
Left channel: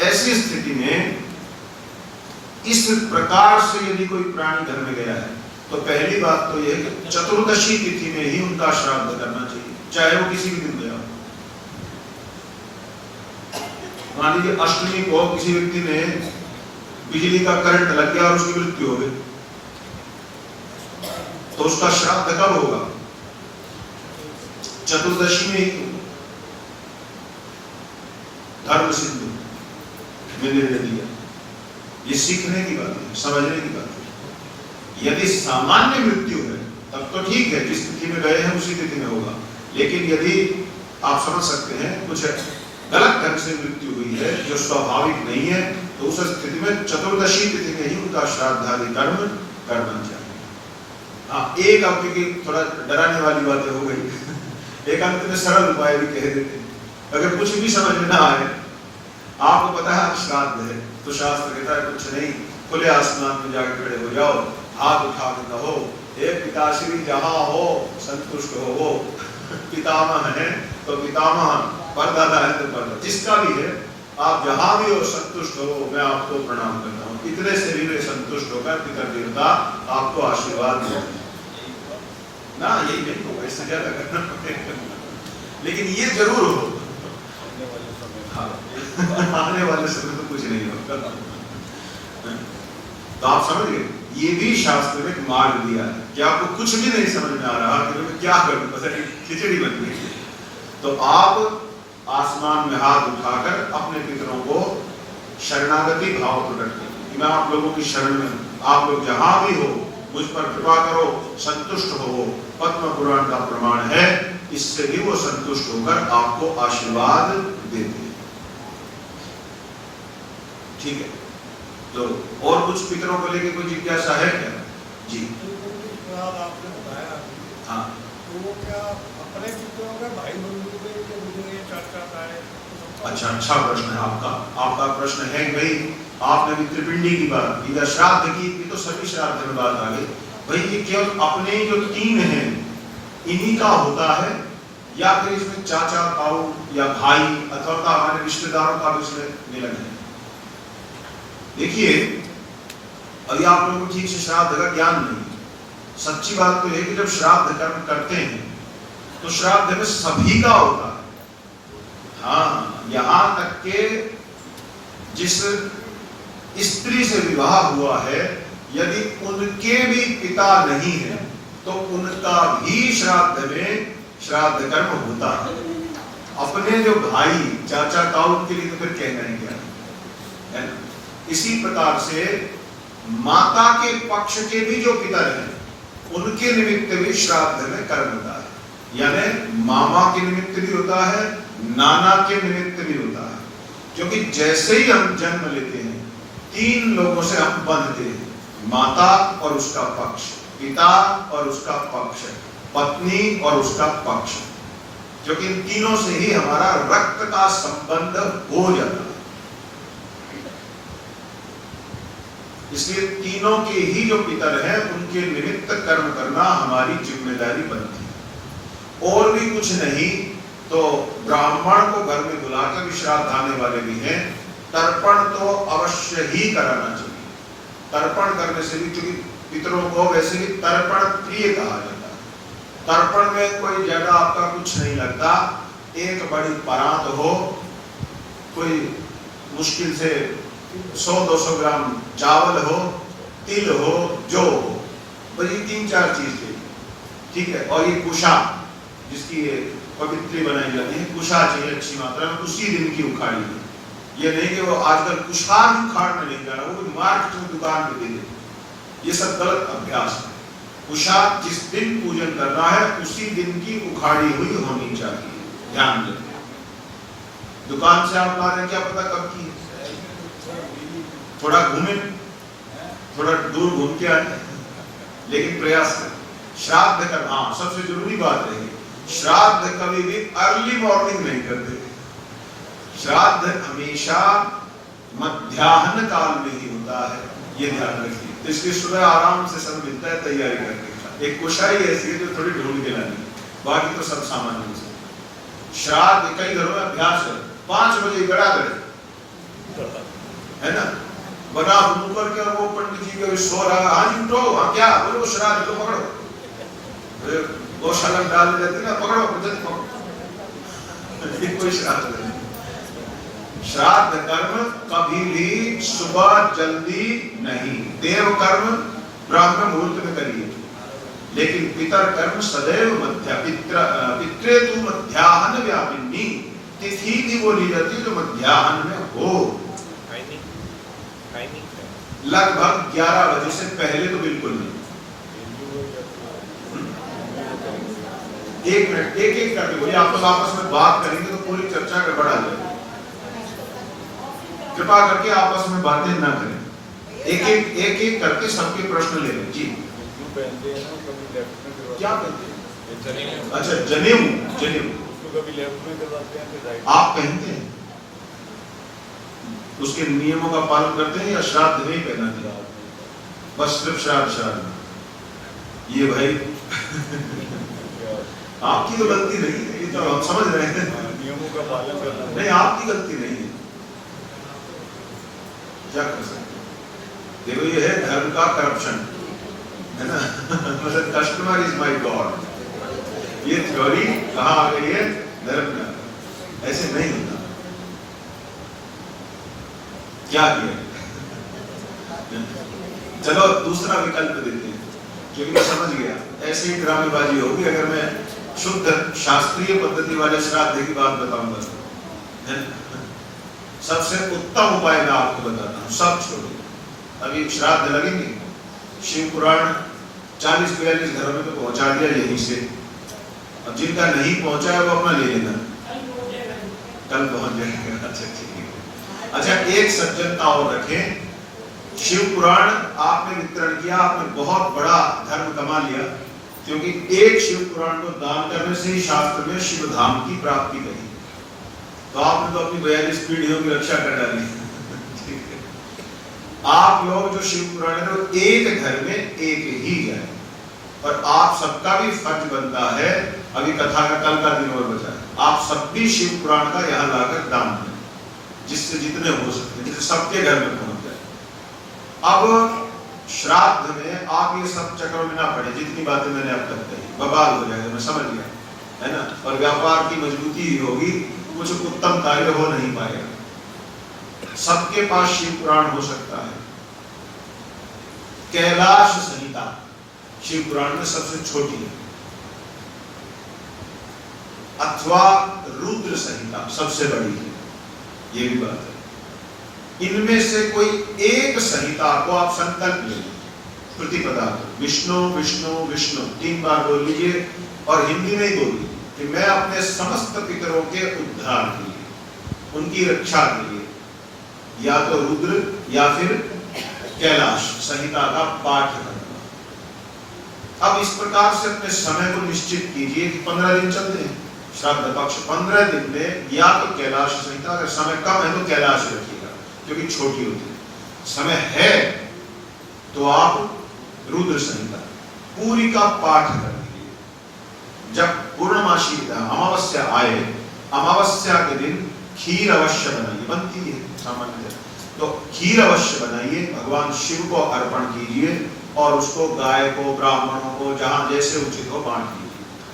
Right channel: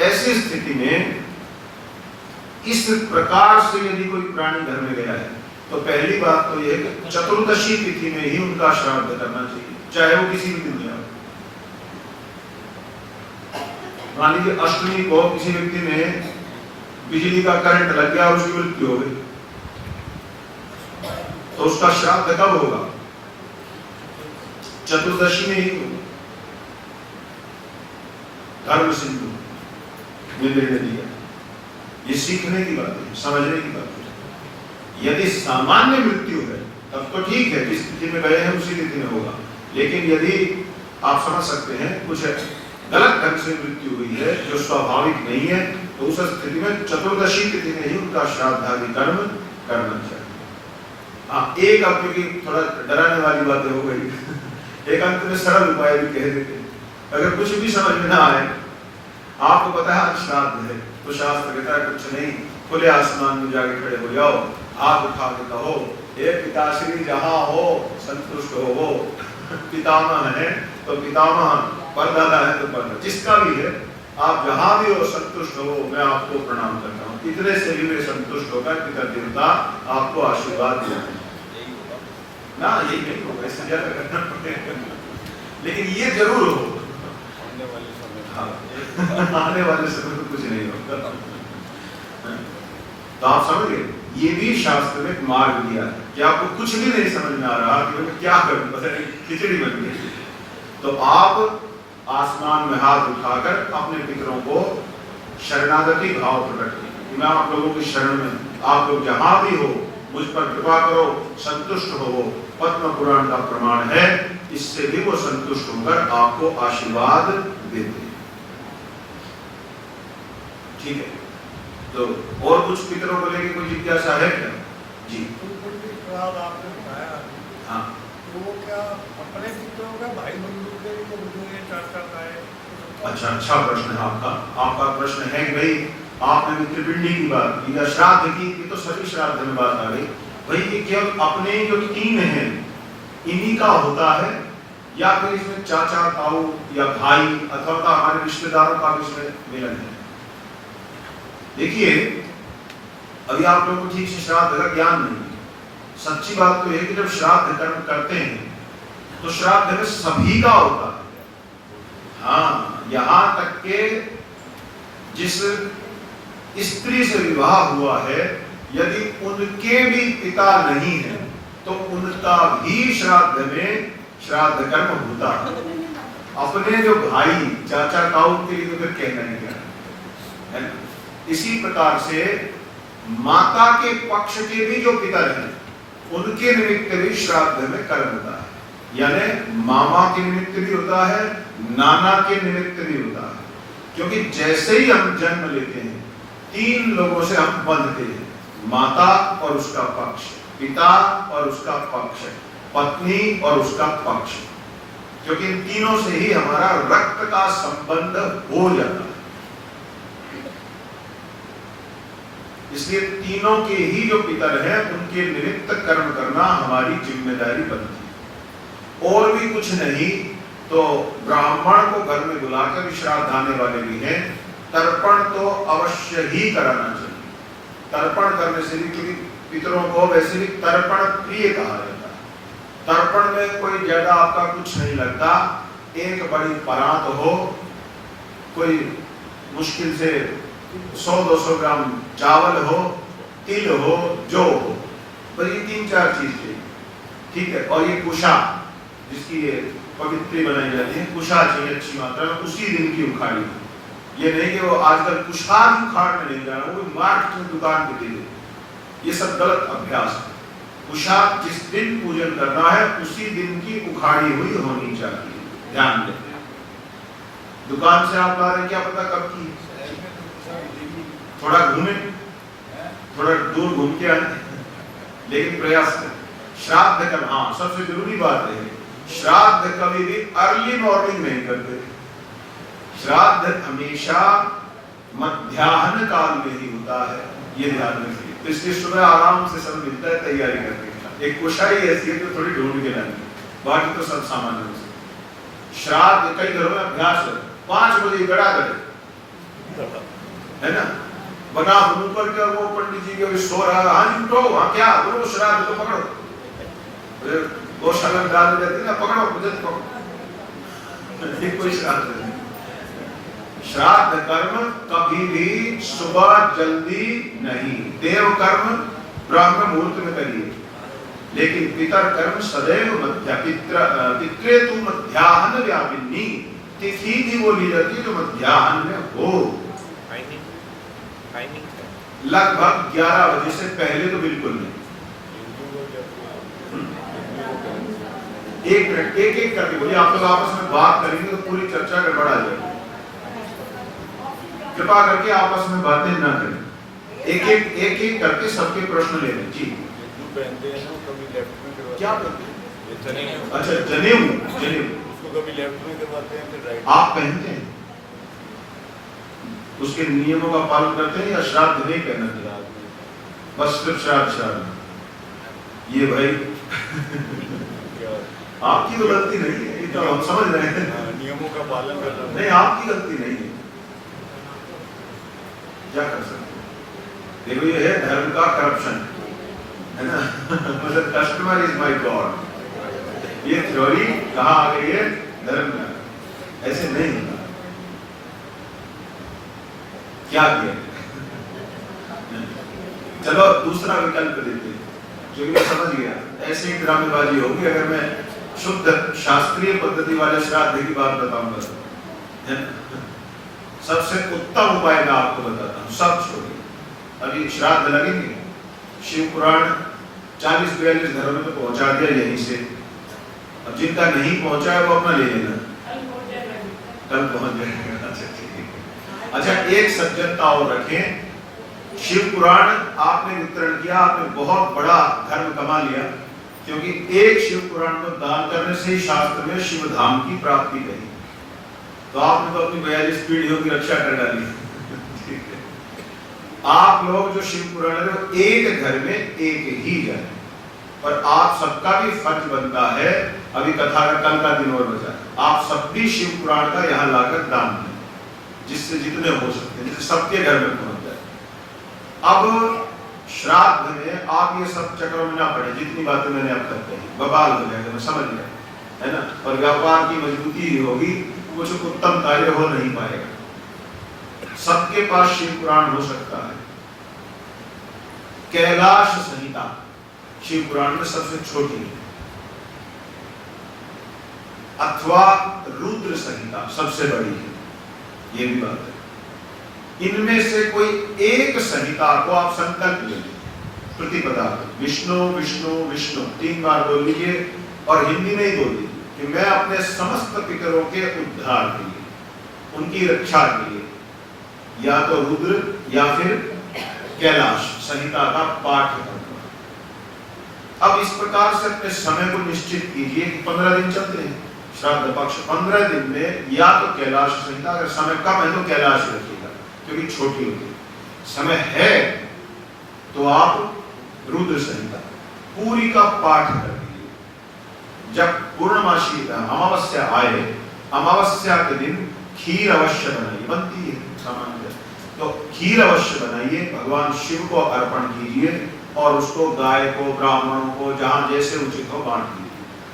ऐसी स्थिति में इस प्रकार से यदि कोई प्राणी घर में गया है, तो पहली बात तो यह चतुर्दशी तिथि में ही उनका श्राद्ध करना चाहिए, चाहे वो किसी भी दिन गया। मान लीजिए अष्टमी को किसी व्यक्ति में बिजली का करंट लग गया और उसकी मृत्यु हो गई, तो उसका श्राद्ध कब होगा? चतुर्दशी में ही। धर्म सिंधु ने निर्णय दिया, ये सीखने की बात है, समझने की बात है। यदि सामान्य मृत्यु है तब तो ठीक है, जिस तिथि में गए हैं उसी तिथि में होगा, लेकिन यदि आप समझ सकते हैं कुछ गलत ढंग से मृत्यु हुई है जो स्वाभाविक नहीं है, तो उस स्थिति में चतुर्दशी तिथि में ही उनका श्राद्धादि कर्म करना चाहिए। हाँ, एक आपकी थोड़ा डराने वाली बातें हो गई, एक अंत में सरल उपाय भी कह देते हैं, अगर कुछ भी समझ में ना आए, आपको पता है श्राद्ध है, तो शास्त्र कहता है कुछ नहीं, खुले आसमान में जाके खड़े हो जाओ, हाथ उठा के कहो, हे पिताश्री जहाँ हो संतुष्ट हो वो, पितामह है तो पितामह, परदादा है तो परदादा, जिसका भी है, आप जहाँ भी हो संतुष्ट हो, मैं आपको प्रणाम करता हूँ। इतने से भी संतुष्ट होकर पितर देवता आपको आशीर्वाद देते हैं ना, यही नहीं होगा, इससे ज्यादा करना पड़ेगा, लेकिन ये जरूर हो। आने वाले समय में कुछ नहीं होता। तो आप समझ गए, ये भी शास्त्र ने मार्ग दिया है कि आपको कुछ भी नहीं समझ में आ रहा कि क्या करूं, पता नहीं खिचड़ी बन गई, तो आप आसमान में हाथ उठाकर अपने पितरों को शरणागति भाव प्रकट करें, मैं आप लोगों की शरण में, आप लोग जहां भी हो मुझ पर कृपा करो, संतुष्ट हो। पद्म पुराण का प्रमाण है, इससे भी वो संतुष्ट होकर आपको आशीर्वाद देते। ठीक है, तो और कुछ पितरों को लेकर कोई जिज्ञासा है क्या? जी आपने बताया, हाँ, तो वो क्या अपने पितरों का भाई बंधु के ये चर्चा है? अच्छा प्रश्न है आपका प्रश्न है भाई, आपने भी त्रिपिंडी की बात की, या श्राद्ध की, ये तो सभी श्राद्ध में बात आ गई भाई, ये केवल अपने जो तीन हैं इन्हीं का होता है, या फिर इसमें चाचा ताऊ या भाई अथवा हमारे रिश्तेदारों का भी इसमें मिलन है? देखिए, अभी आप लोगों को ठीक से श्राद्ध का ज्ञान नहीं, सच्ची बात तो है कि जब श्राद्ध कर्म करते हैं तो श्राद्ध में सभी का होता है। हाँ, यहाँ तक के जिस स्त्री से विवाह हुआ है, यदि उनके भी पिता नहीं है तो उनका भी श्राद्ध में श्राद्ध कर्म होता है। अपने जो भाई चाचा ताऊ के लिए तो फिर कहना ही क्या है। इसी प्रकार से माता के पक्ष के भी जो पितर हैं उनके निमित्त भी श्राद्ध में कर्म होता है, यानी मामा के निमित्त भी होता है, नाना के निमित्त भी होता है, क्योंकि जैसे ही हम जन्म लेते हैं तीन लोगों से हम बंधते हैं, माता और उसका पक्ष, पिता और उसका पक्ष, पत्नी और उसका पक्ष, क्योंकि इन तीनों से ही हमारा रक्त का संबंध हो जाता है। इसलिए तीनों के ही जो पितर हैं उनके निमित्त कर्म करना हमारी जिम्मेदारी बनती है। और भी कुछ नहीं तो ब्राह्मण को घर में बुलाकर भी श्राद्ध आने वाले भी हैं, तर्पण तो अवश्य ही कराना चाहिए। तर्पण करने से भी, क्योंकि पितरों को वैसे भी तर्पण प्रिय कहा जाता है। तर्पण में कोई ज्यादा आपका कुछ नहीं लगता, एक बड़ी परात हो, कोई मुश्किल से 100-200 ग्राम चावल हो, तिल हो, जौ हो, बस ये 3-4 चीज चाहिए, ठीक है। और ये कुशा जिसकी ये पवित्री बनाई जाती है, कुशा चाहिए अच्छी मात्रा में, उसी दिन की उखाड़ी, ये नहीं कि वो आजकल कुशार उखाड़ने नहीं जाए, वो मार्केट में दुकान पे दे दे, ये सब गलत अभ्यास है। कुशार जिस दिन पूजन करना है उसी दिन की उखाड़ी हुई होनी चाहिए, ध्यान दें। दुकान से आप ला रहे हैं, क्या पता कब की, थोड़ा घूमे, थोड़ा दूर घूम के आए, लेकिन प्रयास करें। श्राद्ध कर, हाँ सबसे जरूरी बात है, श्राद्ध कभी भी अर्ली मॉर्निंग नहीं करते, श्राद्ध हमेशा मध्याह्न काल में ही होता है, ये ध्यान रखिए। तो इसलिए सुबह आराम से सब मिलता है तैयारी करके, एक कुशाई ऐसी है तो थोड़ी ढूंढ के लानी, बाकी तो सब सामान्य से। श्राद्ध कई घरों में अभ्यास है 5 बजे गड़ा गए, है ना, बना मुंह करके वो पंडित जी के सो रहा, हाँ जी उठो, हाँ क्या बोलो, श्राद्ध को पकड़ो, गौशाला में डाल जाती है ना, पकड़ो मुझे पकड़ो, कोई श्राद्ध नहीं। श्राद्ध कर्म कभी भी सुबह जल्दी नहीं, देव कर्म ब्राह्मण मुहूर्त में करिए, लेकिन पितर कर्म सदैव पितृ मध्याह्न व्यापिनी, तिथि की बोली जाती है जो मध्याह्न में हो, लगभग 11 बजे से पहले तो बिल्कुल नहीं। एक मिनट, एक करके बोलिए, आप लोग आपस में बात करेंगे तो पूरी चर्चा गड़बड़ा जाएगी, कृपा करके आपस में बातें ना करें, एक करके सबके प्रश्न ले लें। जी क्या पहनते हैं? अच्छा जनेऊ, आप पहनते हैं, उसके नियमों का पालन करते हैं या श्राद्ध नहीं पहनना चाहिए, बस सिर्फ श्राद्ध, ये भाई आपकी तो गलती नहीं है, ये तो हम समझ रहे हैं, नियमों का पालन करना नहीं, आपकी गलती नहीं है, क्या कर सकते, देखो ये है धर्म का करप्शन, है ना, कस्टमर इज माय गॉड, ये थ्योरी कहाँ आ गई है, धर्म में, ऐसे नहीं होता, क्या किया, चलो दूसरा विकल्प देते हैं, जो कि मैं समझ गया, ऐसे ही ड्रामेबाजी होगी अगर मैं शुद्ध शास्त्रीय पद्धति वाले श्राद्ध की बात बताऊंगा, है ना, सबसे उत्तम उपाय मैं आपको बताता हूँ, सब छोड़िए, अभी श्राद्ध लगेंगे, शिव पुराण 40-42 घरों में तो पहुंचा दिया यहीं से, अब जिनका नहीं पहुंचा है वो अपना ले लेना, कल पहुंच जाएगा, अच्छा ठीक है। अच्छा एक सज्जनता और रखें, शिव पुराण आपने वितरण किया, आपने बहुत बड़ा धर्म कमा लिया, क्योंकि एक शिव पुराण को दान करने से ही शास्त्र में शिव धाम की प्राप्ति कही, तो आपने तो अपनी 42 पीढ़ियों की रक्षा कर डाली, ठीक है। आप लोग जो शिव पुराण है एक घर में एक ही जाए, और आप सबका भी फर्ज बनता है, अभी कथा का कल का दिन और बचा है, आप सब भी शिव पुराण का यहाँ लाकर दान करें, जिससे जितने हो सकते हैं, जिससे सबके घर में पहुंच जाए। अब श्राद्ध में आप ये सब चक्रों में ना पड़े, जितनी बातें मैंने अब तक कही, बवाल हो जाएगा, मैं समझ गया, है ना, और व्यापार की मजबूती ही होगी, कुछ उत्तम कार्य हो नहीं पाएगा। सबके पास शिव पुराण हो सकता है, कैलाश संहिता शिव पुराण में सबसे छोटी है, अथवा रुद्र संहिता सबसे बड़ी है, ये भी बात है। इनमें से कोई एक संहिता को आप संकल्प ले लीजिए, प्रतिपदा विष्णु विष्णु विष्णु 3 बार बोल लीजिए, और हिंदी में ही बोलिए कि मैं अपने समस्त पितरों के उद्धार के लिए, उनकी रक्षा के लिए या तो रुद्र या फिर कैलाश संहिता का पाठ करूंगा। अब इस प्रकार से अपने समय को निश्चित कीजिए कि 15 दिन चलते हैं श्राद्ध पक्ष, 15 दिन में या तो कैलाश संहिता, अगर समय कम है तो कैलाश रखिएगा क्योंकि छोटी होती है, समय है तो आप रुद्र संहिता पूरी का पाठ कर लीजिए। जब पूर्णमासी अमावस्या आए, अमावस्या के दिन खीर अवश्य बनाइए, बनती है सामान्य, तो खीर अवश्य बनाइए, भगवान शिव को अर्पण कीजिए और उसको गाय को, ब्राह्मणों को, जहां जैसे उचित हो बांट दीजिए।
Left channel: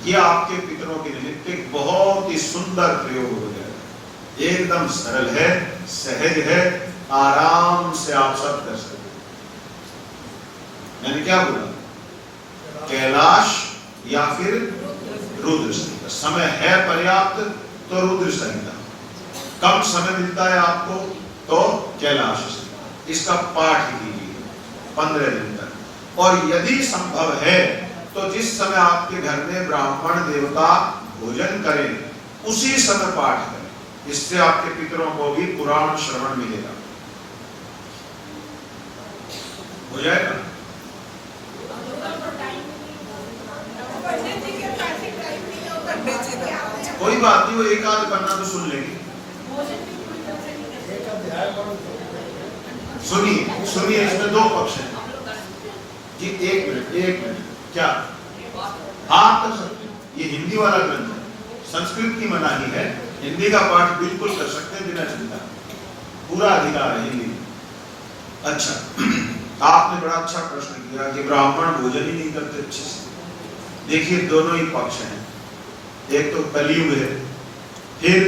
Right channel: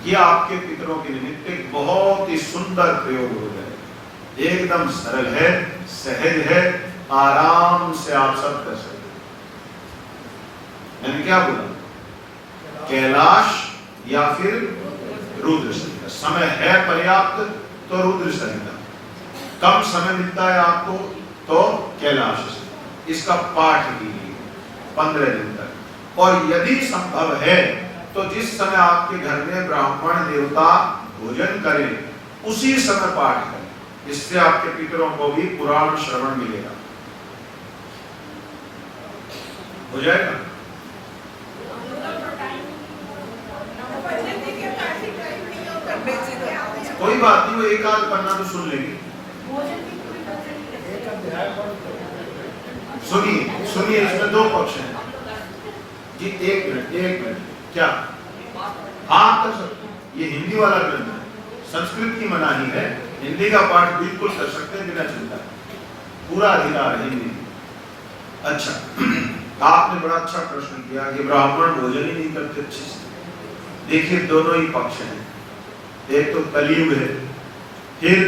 ये आपके पितरों के निमित्त एक बहुत ही सुंदर प्रयोग हो जाएगा, एकदम सरल है, सहज है, आराम से आप सब कर सकते। मैंने क्या बोला, कैलाश या फिर रुद्र संहिता, समय है पर्याप्त तो रुद्र संहिता, कम समय मिलता है आपको तो कैलाश इसका पाठ कीजिए 15 दिन तक। और यदि संभव है तो जिस समय आपके घर में ब्राह्मण देवता भोजन करें उसी समय पाठ करें, इससे आपके पितरों को भी पुराण श्रवण मिलेगा। हो जाएगा? कोई बात नहीं, वो एक आध पन्ना तो सुन लेंगे। एक अध्याय सुनिए सुनिए, इसमें दो पक्ष हैं कि एक मिनट क्या हाँ कर सकते हैं, ये हिंदी वाला ग्रंथ है, संस्कृत की मनाही है, हिंदी का पाठ बिल्कुल कर सकते हैं बिना चिंता, पूरा अधिकार है हिंदी में। अच्छा, आपने बड़ा अच्छा प्रश्न किया कि ब्राह्मण भोजन ही नहीं करते अच्छे से। देखिए दोनों ही पक्ष हैं, एक तो कलयुग है, फिर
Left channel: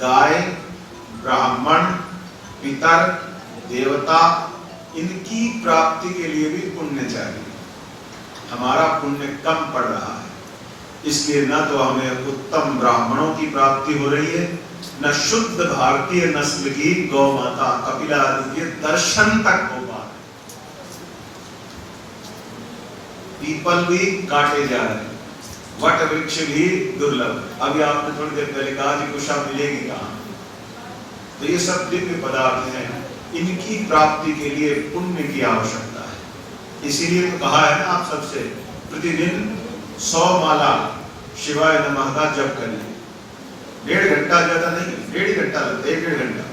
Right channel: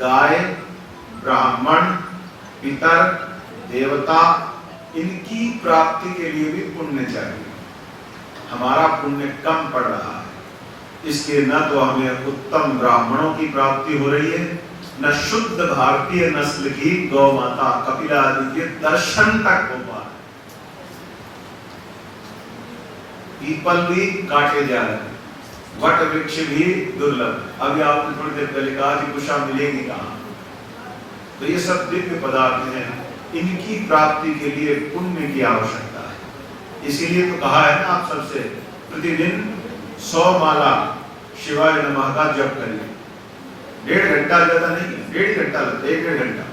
गाय, ब्राह्मण, पितर, देवता, इनकी प्राप्ति के लिए भी पुण्य चाहिए। हमारा पुण्य कम पड़ रहा है, इसलिए न तो हमें उत्तम ब्राह्मणों की प्राप्ति हो रही है, न शुद्ध भारतीय नस्ल की गौ माता कपिला आदि के दर्शन तक हो पा रहे। पीपल भी काटे जा रहे हैं, वट वृक्ष भी दुर्लभ। अभी आपने थोड़ी देर पहले कहा कि कुशा मिलेगी कहाँ, तो ये सब दिव्य पदार्थ हैं, इनकी प्राप्ति के लिए पुण्य की आवश्यकता है। इसीलिए तो कहा है ना आप सबसे प्रतिदिन 100 माला शिवाय नमः का जप करिए। 1.5 घंटा ज्यादा नहीं, 1.5 घंटा लगता है, 1.5 घंटा।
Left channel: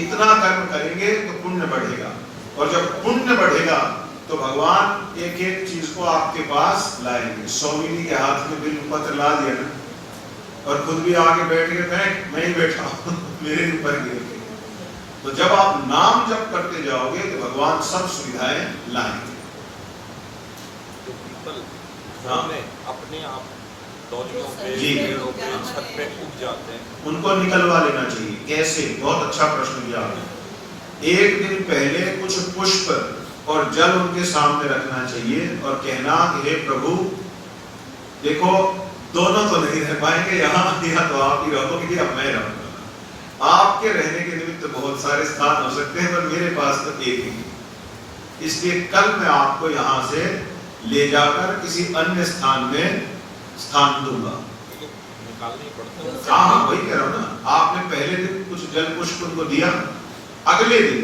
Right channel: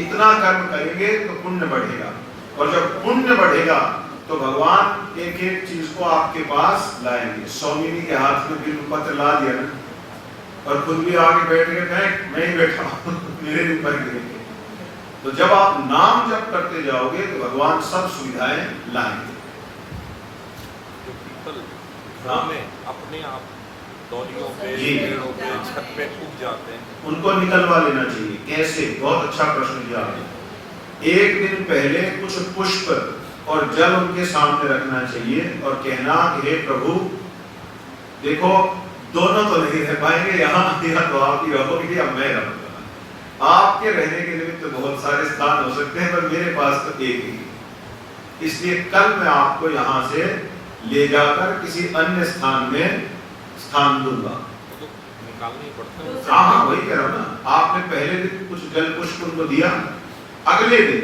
इतना कर्म करेंगे तो पुण्य बढ़ेगा, और जब पुण्य बढ़ेगा तो भगवान एक एक चीज को आपके पास लाएंगे। स्वामी के हाथ में बिल पत्र ला दिया ना, और खुद भी आगे बैठ के मैं ही बैठा मेरे ऊपर गिर। तो जब आप नाम जप करते जाओगे तो भगवान सब सुविधाएं लाएंगे। हाँ, अपने आप दौड़ियों पे, पेड़ों पे, छत पे उग जाते हैं, उनको निकलवा लेना चाहिए। कैसे? बहुत अच्छा प्रश्न किया आपने। एक दिन पहले कुछ पुष्प और जल उनके सामने रखना चाहिए और कहना कि हे प्रभु देखो, दोनों तो नहीं रह पाएंगे यहाँ, तो आप ही रहोगे या मैं रहूंगा। आपके रहने के निमित्त बहुत सारे स्थान हो सकते हैं, पर मेरे पास तो एक ही। इसलिए कल मैं आपको यहाँ से ले जाकर किसी अन्य स्थान में स्थान दूंगा। तो निकालनी पड़ता है। हाँ, वही कह रहा हूँ ना। आपने पहले दिन कुछ जल पुष्प उनको दिया, अगले दिन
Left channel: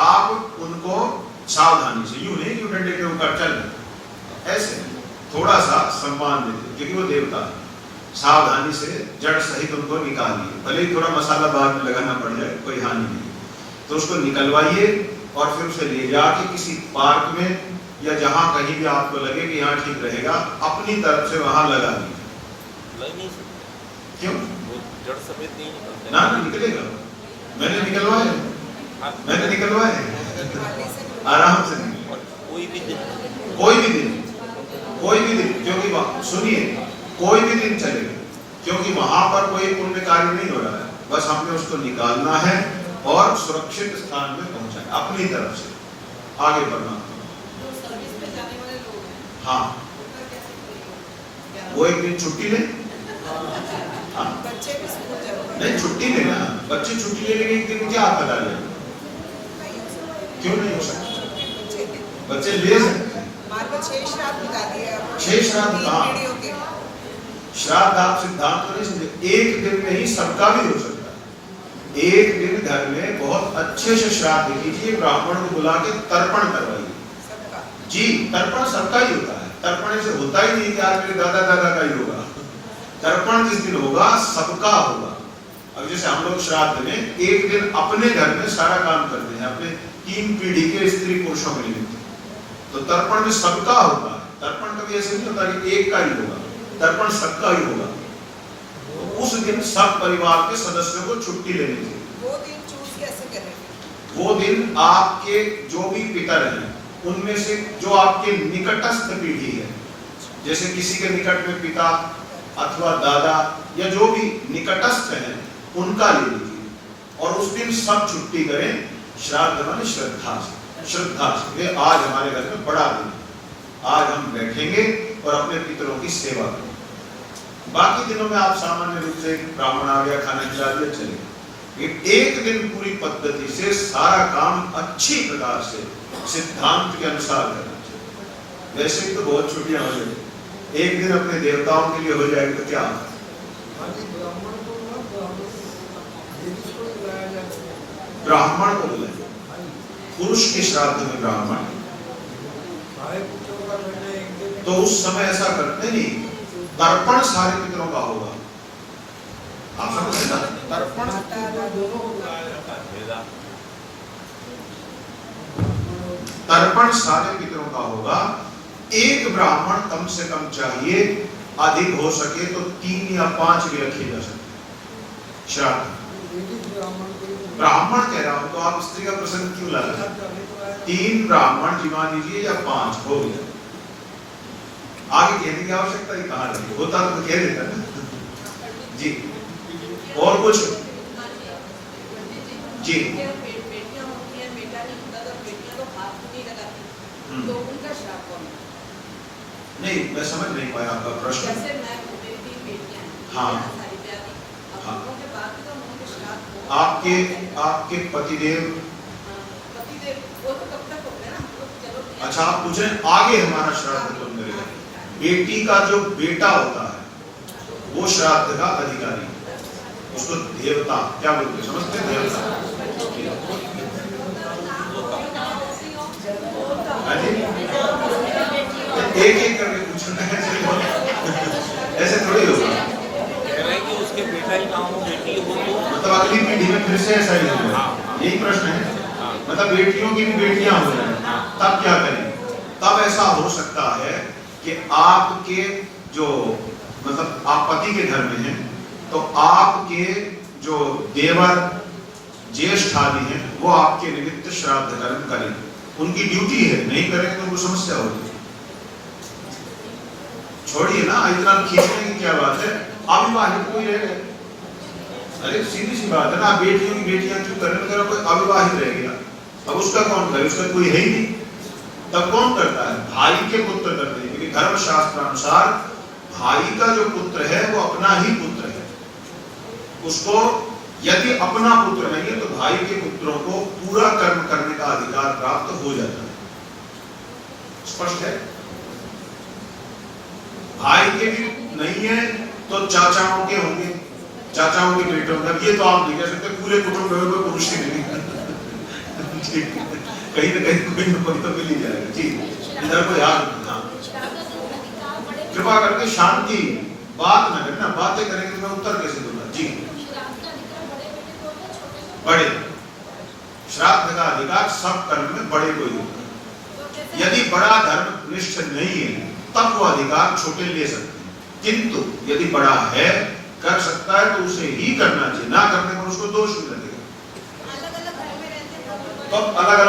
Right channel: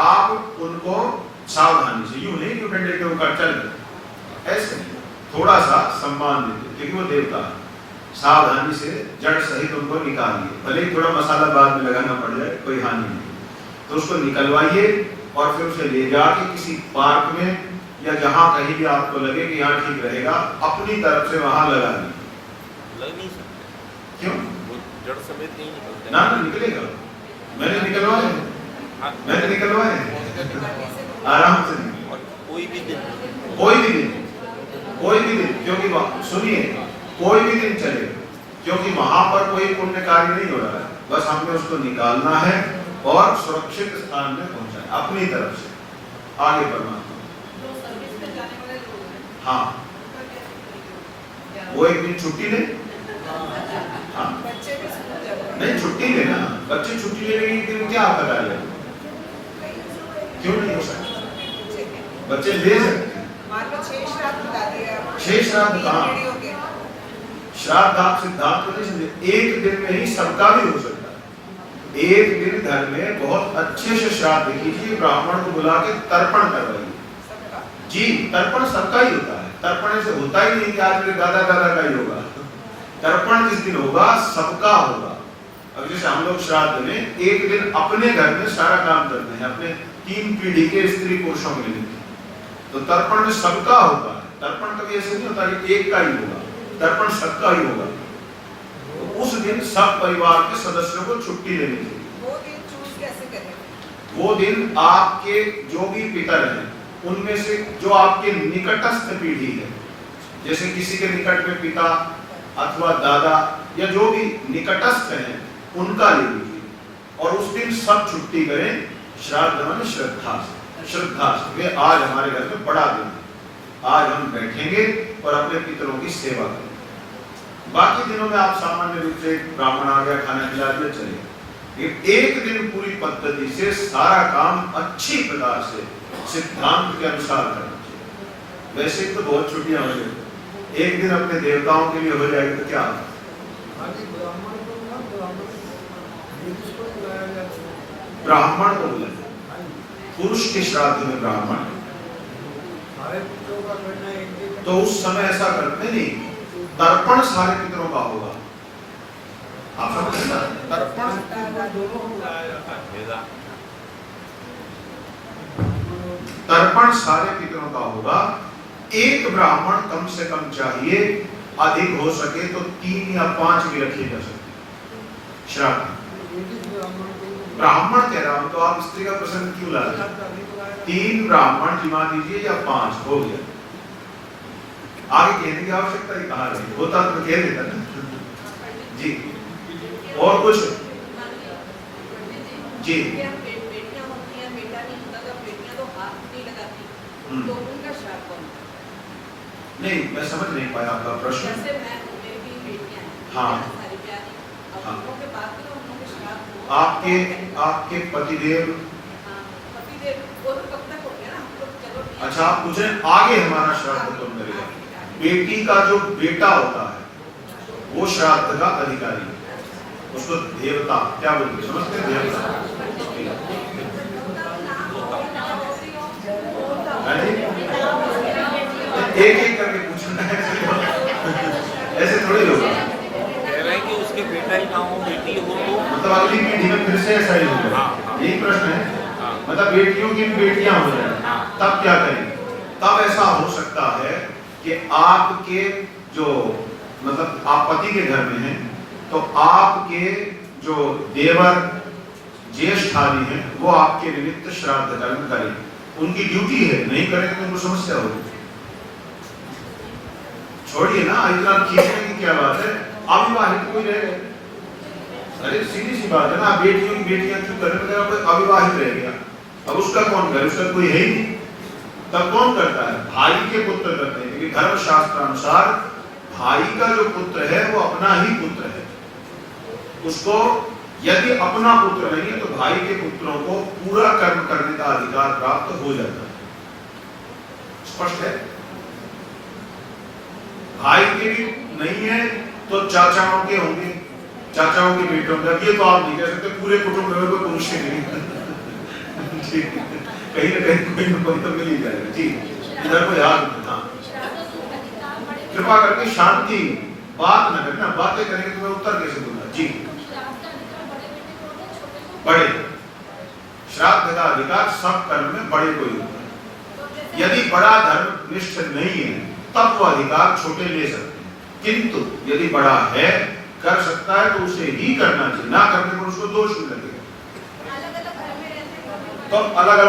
आप उनको सावधानी से, यूं नहीं यूं डंडे के ऊपर चल, ऐसे थोड़ा सा सम्मान देते, क्योंकि वो देवता। सावधानी से जड़ सहित उनको निकालिए, भले ही थोड़ा मसाला बाद में लगाना पड़ जाए, कोई हानि नहीं। तो उसको निकलवाइए और फिर उसे ले जाके किसी पार्क में या जहां कहीं भी आपको लगे कि यहाँ ठीक रहेगा, अपनी तरफ से वहां लगा दीजिए। लग नहीं सकते। क्यों? वो जड़ समेत नहीं निकलते। ना निकलेगा, मैंने निकलवाए, मैंने निकलवाए आराम से। और कोई भी दिन, क्योंकि सुनिए, कोई भी दिन चलेगा, क्योंकि वहां पर कोई पुण्य कार्य नहीं हो रहा है, बस हमें उसको निकालना है और सुरक्षित स्थान में पहुंचाना अपनी तरफ से, आगे बढ़ना। हाँ, वो एक दिन छुट्टी ले, हाँ नहीं छुट्टी लेना, बच्चे छुट्टी लेने के दिन क्या करा ले, क्यों नहीं हो सकता? बच्चे ले सकते हैं। 6 श्राद्ध कहाँ? श्राद्ध आप सिद्धांत तो नहीं समझे, एक दिन में ही सबका भी हो सकता है। एक दिन घर में बहुत अच्छे से श्राद्ध कीजिए, ब्राह्मण को बुला के तर्पण करवाइए। जी, तर्पण सबका ही होता है, तर्पण से होता ही नहीं कि आज मेरे दादा दादा का ही होगा। तर्पण जिस दिन होगा सबका होगा। अब जैसे हम लोग श्राद्ध में एक दिन अपने घर में सारा काम करते हैं, अपने 3 पीढ़ी के स्त्री पुरुषों के लिए, तो तर्पण में सबका होगा। तर्पण कभी ऐसे नहीं होता कि एक का ही होगा, तर्पण सबका ही होगा। तो उस दिन सब परिवार के सदस्यों को छुट्टी लेनी चाहिए। वो दिन चूज कैसे करें? वो दिन आपके जो भी पितर हैं उनमें से जो आपके निकटस्थ पीढ़ी है, जैसे किसी के निकट में पिता अथवा दादा या जो भी निकटस्थ हैं उनका ले लीजिए, और उस दिन सब छुट्टी करें। श्राद्ध माने श्रद्धा से, वे आज हमारे घर में बड़ा दिन है, आज हम बैठेंगे और अपने पितरों की सेवा करेंगे। बाकी दिनों में आप सामान्य रूप से ब्राह्मण आ गया, खाना खिला दिया, चलेगा। एक दिन पूरी पद्धति से सारा काम अच्छी प्रकार से सिद्धांत के अनुसार करना चाहिए। वैसे तो बहुत छुट्टियां हो गई, एक दिन अपने देवताओं के लिए हो जाएगी तो क्या? ब्राह्मण को ना बुलाया जाता है, ब्राह्मण को बुलाया, पुरुष के श्राद्ध में ब्राह्मण, सारे पुत्रों का करना एक दिन। तो उस समय ऐसा करते नहीं, तर्पण सारे पितरों का होगा। आप समझे ना? तर्पण दोनों को बुलाया जाता है। तर्पण सारे पितरों का होगा। एक ब्राह्मण कम से कम चाहिए, अधिक हो सके तो 3 या 5 भी रखे जा सकते श्राद्ध। ब्राह्मण कह रहा हूं तो आप स्त्री का प्रसंग क्यों ला रहे हैं? 3 ब्राह्मण जिमा दीजिए या 5 हो गए, आगे कहने की आवश्यकता ही कहाँ रही, होता तो कह देता ना जी। और कुछ जी? बेटियां होती हैं, बेटा नहीं होता तो बेटियां तो हाथ नहीं लगाती, तो उनका श्राद्ध कौन? नहीं, मैं समझ नहीं पाया आपका प्रश्न। जैसे मैं मेरी 3 बेटियां हैं, हाँ। सारी प्यारी, अब हाँ। उनके बाद भी तो उनके श्राद्ध हो। आपके पतिदेव, हाँ, पतिदेव वो तो कब तक हो गया ना, हम लोग चलो ठीक है। अच्छा आप पूछ रहे हैं आगे हमारा श्राद्ध कौन करेगा? बेटी का जो बेटा होता है वो श्राद्ध का अधिकारी, उसको देवता क्या बोलते हैं, समझते हैं? देवता एक एक करके पूछना है, ऐसे थोड़ी होगा। कह रहे हैं कि उसके बेटा ही ना हो, बेटी हो तो मतलब अगली पीढ़ी में फिर से ऐसा ही होगा। हाँ। यही प्रश्न है, हाँ। मतलब बेटियों की भी बेटियां हो जाए हाँ। तब क्या करें? तब ऐसा हो सकता है कि आपके जो मतलब आप पति के घर में हैं तो आपके जो देवर ज्येष्ठ आदि हैं वो आपके निमित्त श्राद्ध कर्म करें, उनकी ड्यूटी है, नहीं करेंगे तो उनको समस्या होगी। छोड़िए ना, इतना खींचने की क्या बात है, अविवाहित कोई रह गए, अरे सीधी सी बात है ना, बेटियों की बेटियां क्यों करने में, कोई अविवाहित रह गया, अब उसका कौन करे, उसका कोई है ही नहीं, तब कौन करता है? भाई के पुत्र करते हैं, क्योंकि धर्म शास्त्र अनुसार भाई का जो पुत्र है वो अपना ही पुत्र है, उसको यदि अपना पुत्र नहीं है तो भाई के पुत्रों को पूरा कर्म करने का अधिकार प्राप्त हो जाता है। स्पष्ट है? भाई के भी नहीं है तो चाचाओं के होंगे, चाचाओं के बेटों का, ये तो आप नहीं कह सकते पूरे कुटुंब में कोई पुरुष ही नहीं ठीक, कहीं ना कहीं कोई ना कोई तो मिल ही जाएगा जी। इधर को ध्यान रखना, कृपा करके शांति, बात न करना, बातें करेंगे तो मैं उत्तर कैसे दूंगा जी। बड़े श्राद्ध का अधिकार सब कर्म में बड़े को ही होता है, यदि बड़ा धर्म निष्ठ नहीं है तब वो अधिकार छोटे ले सकते हैं, किंतु यदि बड़ा है कर सकता है तो उसे ही करना चाहिए, ना करने पर उसको दोष नहीं लगेगा। अलग-अलग घर में रहते हैं, तो अलग अलग